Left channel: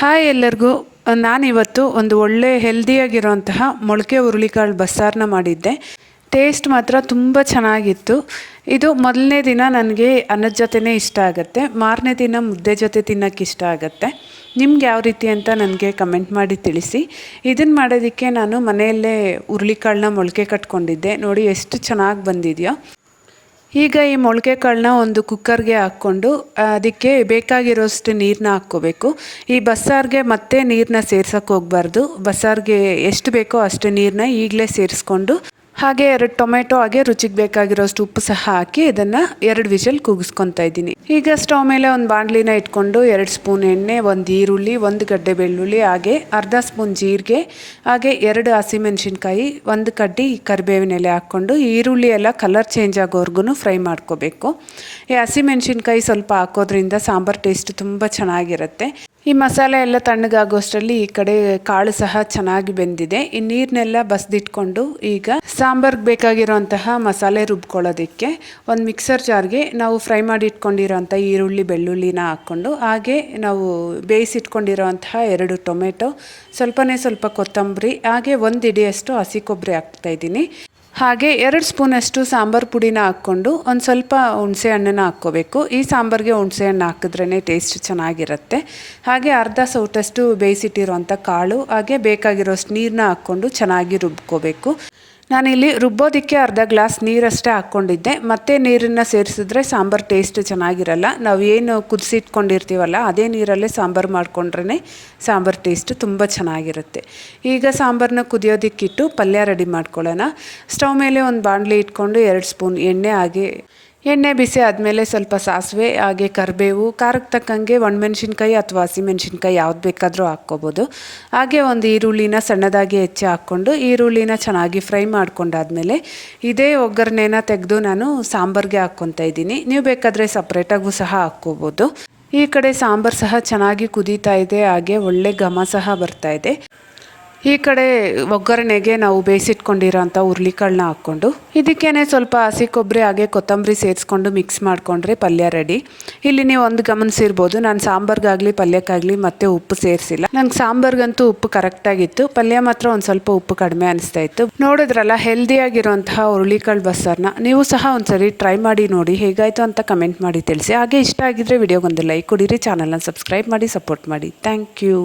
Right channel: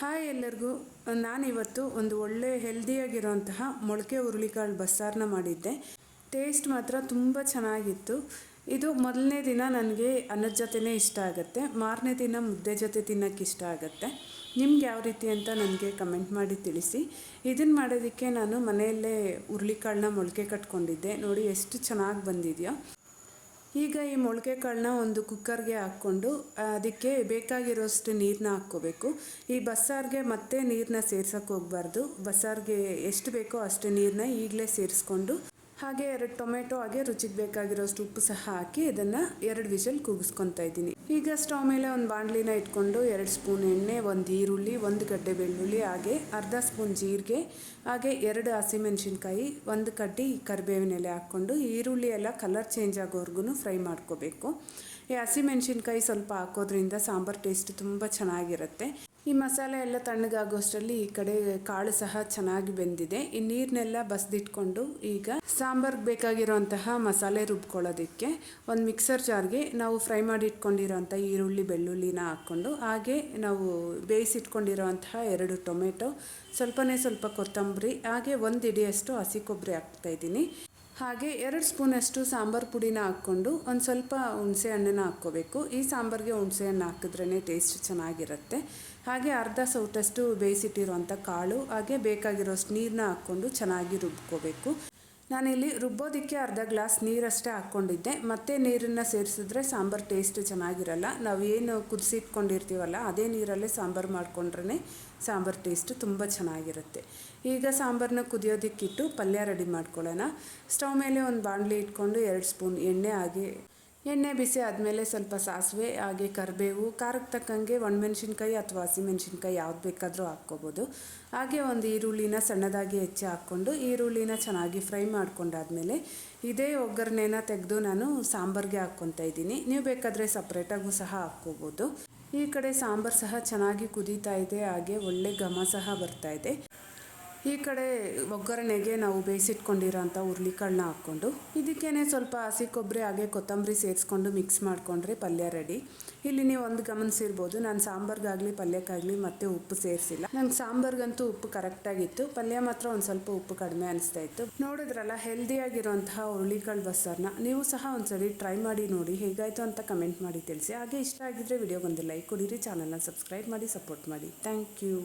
Hi ಎಲ್ಲರಿಗೂ. ನಾನಿವತ್ತು ಒಂದು ಒಳ್ಳೆ ಹೆಲ್ದಿಯಾಗಿರೋಂತಹ ಮೊಳಕೆ ಹುರುಳಿಕಾಳು ಬಸ್ಸಾರನ್ನ ಮಾಡಿದ್ದೆ. ಟೇಸ್ಟ್ ಮಾತ್ರ ತುಂಬ ಚೆನ್ನಾಗಿತ್ತು. ಇದು ಮೊದಲನೇ ದಿನ ನನಗೆ ಅನ್ನದ ಜೊತೆನೇ ಇಷ್ಟ ಆಗುತ್ತೆ, ಮಾರನೇ ದಿನ ಮುದ್ದೆ ಜೊತೆ ತಿನ್ನೋಕ್ಕೆ ಇಷ್ಟ ಆಗುತ್ತೆ. ನಿಮ್ಗೆ ಯಾವ ರೀತಿ ಅಂತ ನನಗೆ ಕಮೆಂಟ್ ಮಾಡಿ ತಿಳಿಸಿ. ಇದನ್ನು ಮಾಡೋದಕ್ಕೆ ನಾನು ಮನೆಯಲ್ಲೇ ಹುರುಳಿಕಾಳನ್ನ ಮೊಳಕೆ ಕಟ್ಕೊಂಡಿದ್ದೆ. ನೋಡಿ ಎಷ್ಟು ಚೆನ್ನಾಗಿ ಬಂದಿದೆಯೋ. ಈಗ ಈ ಮೊಳಕೆ ಕಾಳನ್ನ ಒಂದು ಕುಕ್ಕರ್ಗೆ ಹಾಕ್ಕೊಂಡು ಅದಕ್ಕೆ ಬೇಕಾಗಿರೋಷ್ಟು ನೀರನ್ನ ಹಾಕ್ಕೋಬೇಕು. ಈ ಬಸ್ಸಾರಿಗೆ ಮತ್ತೆ ನೀರನ್ನ ಸೇರ್ಸೋಕ್ಕೆ ಹೋಗಬಾರ್ದು. ಬಸ್ಸಾರಿಗೆ ಎಷ್ಟು ಬೇಕೋ ಅಷ್ಟು ನೀರನ್ನ ಈಗಲೇ ಸೇರಿಸ್ಕೊಂಡು ಹಾಗೆ 2 ಟೊಮೆಟೊ ಹಾಗೆ ರುಚಿಗೆ ಬೇಕಾಗಿರೋಷ್ಟು ಉಪ್ಪು ಸಹ ಹಾಕಿ ಇದನ್ನು 2 ವಿಷಲ್ ಕೂಗಿಸ್ಕೊತಾ ಇದ್ದೀನಿ. ಈಗ ಸ್ಟವ್ ಮೇಲೆ ಒಂದು ಬಾಣಲಿನ ಇಟ್ಕೊಂಡು 2 ಸ್ಪೂನ್ ಎಣ್ಣೆ, 1 ಈರುಳ್ಳಿ, 1 ಗಡ್ಡೆ ಬೆಳ್ಳುಳ್ಳಿ, ಹಾಗೆ ಅರ್ಧ ಸ್ಪೂನ್ ಜೀರಿಗೆ, ಹಾಗೆ 2 ಹಸಿಮೆಣಸಿನ್ಕಾಯಿ, 1 ಕಡ್ಡಿ ಕರಿಬೇವಿನ ಎಲೆ ಹಾಕ್ಕೊಂಡು ಈರುಳ್ಳಿ ಎಲ್ಲ ಕಲರ್ ಚೇಂಜ್ ಆಗೋವರೆಗೂ ಫ್ರೈ ಮಾಡ್ಕೋಬೇಕು. ಈ ಹಸಿಮೆಣಸಿನ್ಕಾಯಿ ಸ್ವಲ್ಪ ಹಾಕೋದ್ರಿಂದ ಸಾಂಬಾರು ಟೇಸ್ಟ್ ತುಂಬ ಚೆನ್ನಾಗಿರುತ್ತೆ. ಈ ಮಸಾಲೆ ಎಲ್ಲ ತಣ್ಣಗಾಗೋಷ್ಟರಲ್ಲಿ ಈ ಕಡೆ ಕಾಳು ಸಹ ಚೆನ್ನಾಗಿ ಬೆಂದಿದೆ. ಈ ನೀರನ್ನೆಲ್ಲ ಬಸ್ದಿಟ್ಕೊಂಡು ಈಗ ಸಾಂಬಾರ್ಗೆ ಬೇಕಾಗಿರೋಂತಹ ಮಸಾಲೆ ರುಬ್ಕೊಳ್ಳೋದಕ್ಕೆ ಒಂದು ಮಿಕ್ಸರ್ ಜಾರ್ಗೆ ನಾವು ಫ್ರೈ ಮಾಡಿ ಇಟ್ಕೊಂಡಿರೋಂಥ ಈರುಳ್ಳಿ ಬೆಳ್ಳುಳ್ಳಿನ ಹಾಕ್ಕೊಂಡು, ಹಾಗೆ ನಾವು ಬೇಯಿಸಿಟ್ಕೊಂಡಿರೋಂತಹ 2 ಟೊಮೆಟೊ, ಸ್ವಲ್ಪ ಕೊತ್ತಂಬರಿ, ಹಾಗೆ 1 ಹಿಡಿಯಷ್ಟು ಹಸಿ ಕೊಬ್ಬರಿ ಹಾಕ್ತಾಯಿದ್ದೀನಿ. ಹಾಗೆ 2 ಸ್ಪೂನಷ್ಟು ಸಾಂಬಾರು ಪುಡಿನ ಹಾಕ್ಕೊಂಡು ಒಂದು ಸ್ವಲ್ಪ ಹುಣಸೆ ಹಣ್ಣನ್ನು ಹಾಕ್ಕೋಬೇಕು. ಈ ಸಾಂಬಾರಿಗೆ ಹುಣಸೆ ಹಣ್ಣು ಹಾಕಿದ್ರೇ ಟೇಸ್ಟ್ ಚೆನ್ನಾಗಿರುತ್ತೆ. ಹಾಗೆ ಅರ್ಧ ಸೌಟಷ್ಟು ಬೇಯಿಸಿಟ್ಟಿರೋಂಥ ಕಾಳು, ಹಾಗೆ ಬೇಕಾಗಿರೋಷ್ಟು ನೀರನ್ನ ಹಾಕ್ಕೊಂಡು ಚೆನ್ನಾಗಿ ರುಬ್ಕೋಬೇಕು. ನಾನಿಲ್ಲಿ ರುಬ್ಬೋದಕ್ಕೆ ಅರ್ಧ ಗ್ಲಾಸ್ ನೀರಷ್ಟೇ ಹಾಕ್ಕೊಂಡಿದ್ದೆ. ಮತ್ತೆ ನೀರನ್ನು ಸೇರಿಸಿದ್ರೆ ಸಾಂಬಾರು ಟೇಸ್ಟ್ ಚೆನ್ನಾಗಿರಲ್ಲ. ನಾವು ಏನು ಕುದಿಸಿಟ್ಕೊಂಡಿರ್ತೀವಲ್ಲ ಅದೇ ನೀರಲ್ಲೇ ಸಾಂಬಾರು ಮಾಡ್ಕೊಂಡ್ರೆ ಸಾಂಬಾರು ಟೇಸ್ಟ್ ತುಂಬ ಚೆನ್ನಾಗಿರುತ್ತೆ. ಈಗ ಸಾಂಬಾರನ್ನ ಕುದಿಯೋದಕ್ಕಿಟ್ಟು ಪಲ್ಯ ರೆಡಿ ಮಾಡ್ಕೊಳ್ಳೋಣ. ಸ್ಟವ್ ಮೇಲೆ ಒಂದು ಬಾಣಲಿ ಇಟ್ಕೊಂಡು 2 ಸ್ಪೂನ್ ಎಣ್ಣೆ, ಹಾಗೆ ಎಣ್ಣೆ ಬಿಸಿ ಆದಮೇಲೆ ಸ್ವಲ್ಪ ಸಾಸಿವೆ, ಹಾಗೆ ಕರಿಬೇವು, ಖಾರಕ್ಕೆ ತಕ್ಕಂಗೆ ಒಣಮೆಣ್ಸಿನ್ಕಾಯಿ ಅಥವಾ ಹಸಿಮೆಣ್ಸಿನ್ಕಾಯಿ ಯಾವ್ದು ಬೇಕಾದರೂ ಹಾಕ್ಕೋಬೋದು. ಹಾಗೆ 1 ಈರುಳ್ಳಿನ ಸಣ್ಣದಾಗಿ ಹೆಚ್ಚಿ ಹಾಕ್ಕೊಂಡು ಈರುಳ್ಳಿನ ಚೆನ್ನಾಗಿ ಫ್ರೈ ಮಾಡ್ಕೊಂಡಾದ್ಮೇಲೆ ಇದೇ ಒಗ್ಗರಣೆನ ತೆಗೆದು ನಾನು ಸಾಂಬಾರಿಗೆ ಹಾಕ್ಕೊತಾ ಇದ್ದೀನಿ. ನೀವು ಬೇಕಾದರೆ ಸಪ್ರೇಟಾಗೂ ಸಹ ಹಾಕ್ಕೋಬೋದು. ಈ ಕಡೆ ಸಾಂಬಾರು ಸಹ ಚೆನ್ನಾಗಿ ಕುದೀತಾ ಇದೆ, ಹಾಗೆ ಒಳ್ಳೆ ಘಮ ಸಹ ಬರ್ತಾ ಇದೆ. ಈ ಕಡೆ ಒಗ್ಗರಣೆಗೆ ನಾವು ಬೇಯಿಸಿಟ್ಕೊಂಡಿರೋಂಥ ಹುರುಳಿಕಾಳನ್ನ ಹಾಕ್ಕೊಂಡು ಇದಕ್ಕೇನೆ ಸ್ವಲ್ಪ ಹಸಿ ಕೊಬ್ಬರಿ ಹಾಗೆ ಕೊತ್ತಂಬರಿ ಸೇರಿಸ್ಕೊಂಡು ಮಿಕ್ಸ್ ಮಾಡಿಕೊಂಡ್ರೆ ಪಲ್ಯ ರೆಡಿ. ಇಲ್ಲಿ ನೀವು ಒಂದು ಗಮನಿಸಿರ್ಬೋದು, ನಾನು ಸಾಂಬಾರ್ಗಾಗಲಿ ಪಲ್ಯಕ್ಕಾಗಲಿ ಮತ್ತೆ ಉಪ್ಪು ಸೇರಿಸಿಲ್ಲ. ನಂಗೆ ಸಾಂಬಾರ್ಗಂತೂ ಉಪ್ಪು ಕರೆಕ್ಟಾಗಿತ್ತು, ಪಲ್ಯ ಮಾತ್ರ ಒಂದು ಸ್ವಲ್ಪ ಉಪ್ಪು ಕಡಿಮೆ ಅನಿಸ್ತಾ ಇತ್ತು. ನೋಡಿದ್ರಲ್ಲ ಹೆಲ್ದಿಯಾಗಿರೋಂತಹ ಹುರುಳಿಕಾಳು ಬಸ್ಸಾರನ್ನ ನೀವು ಸಹ ಒಂದ್ಸರಿ ಟ್ರೈ ಮಾಡಿ ನೋಡಿ, ಹೇಗಾಯಿತು ಅಂತ ಕಮೆಂಟ್ ಮಾಡಿ ತಿಳಿಸಿ. ಹಾಗೆ ಇಷ್ಟ ಆಗಿದ್ರೆ ವಿಡಿಯೋಗೊಂದು ಲೈಕ್ ಕೊಡಿರಿ, ಚಾನಲ್ನ ಸಬ್ಸ್ಕ್ರೈಬ್ ಮಾಡಿ ಸಪೋರ್ಟ್ ಮಾಡಿ. Thank you.